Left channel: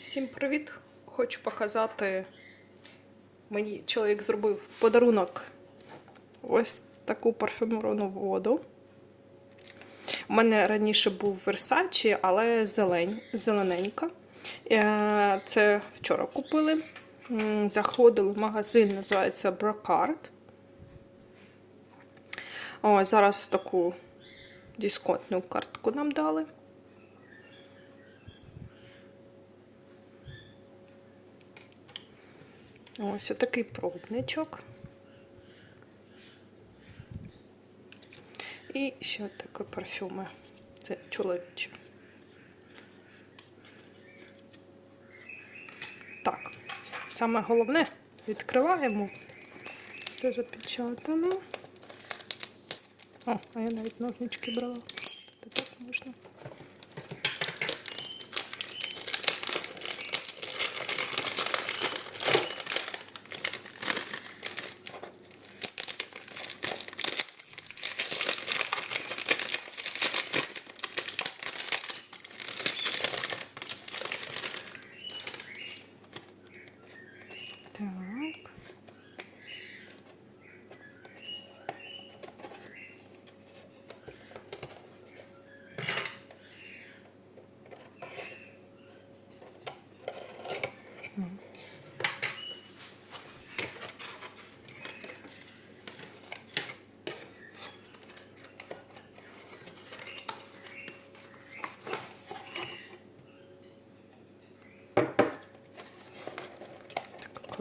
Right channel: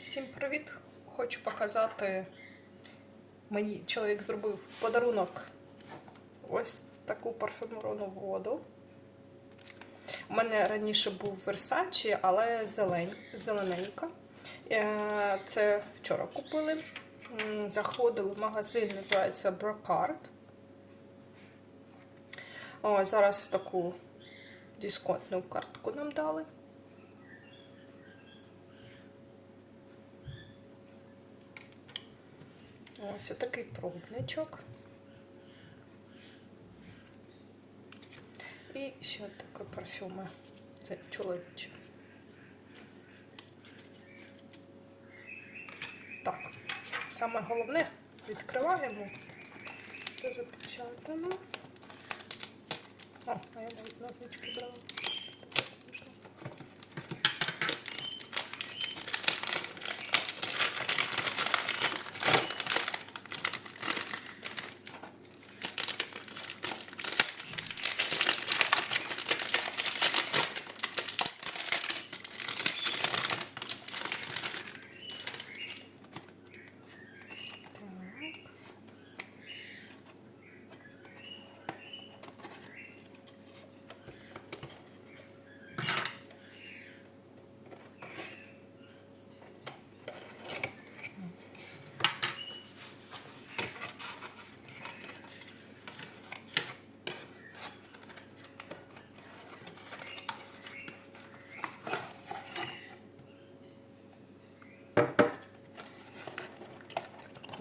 Всім привіт! Хочу показати. Мені чоловік зробив подарунок ось таку парфюмовану воду. У мене раніше був Versace, але зелень, зелененька. Е, Це вчора купили. Заходили в магазин, називається Brocard. О, зараз таку дисконтну картку нам дали. Ось такий пробничок. І ще такі парфюми. Це чоловічі. Так, саме головне відкриваємо. Все запечатано. О, а я навіть ножнички брала. Так можна.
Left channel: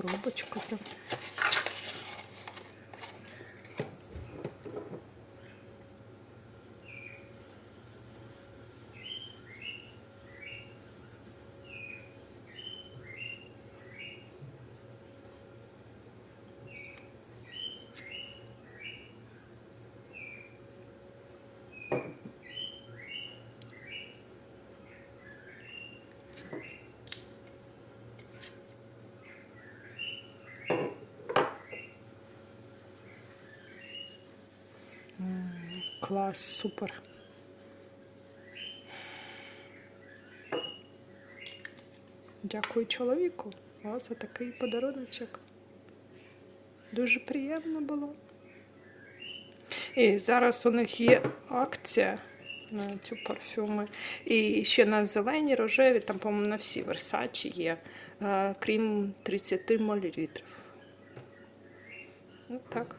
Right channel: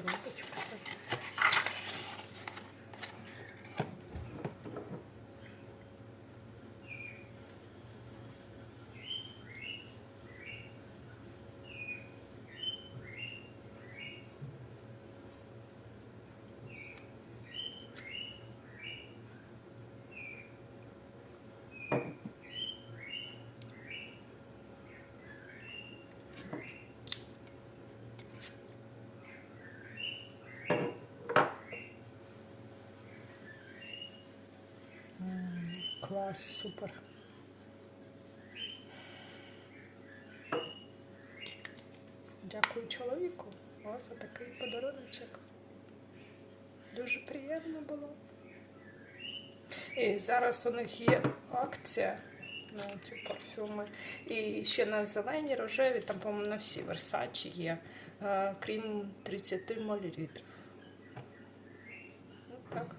коробочку. -то. Thank you. Клас, супер. Дякую чоловіку за такий подаруночок. Дуже приємно було. І зараз у них є акція на ці парфюми. І ще на зелені, рожеві, там, по-моєму, на всі Versace є, е, крім 30 мл. Ну, так.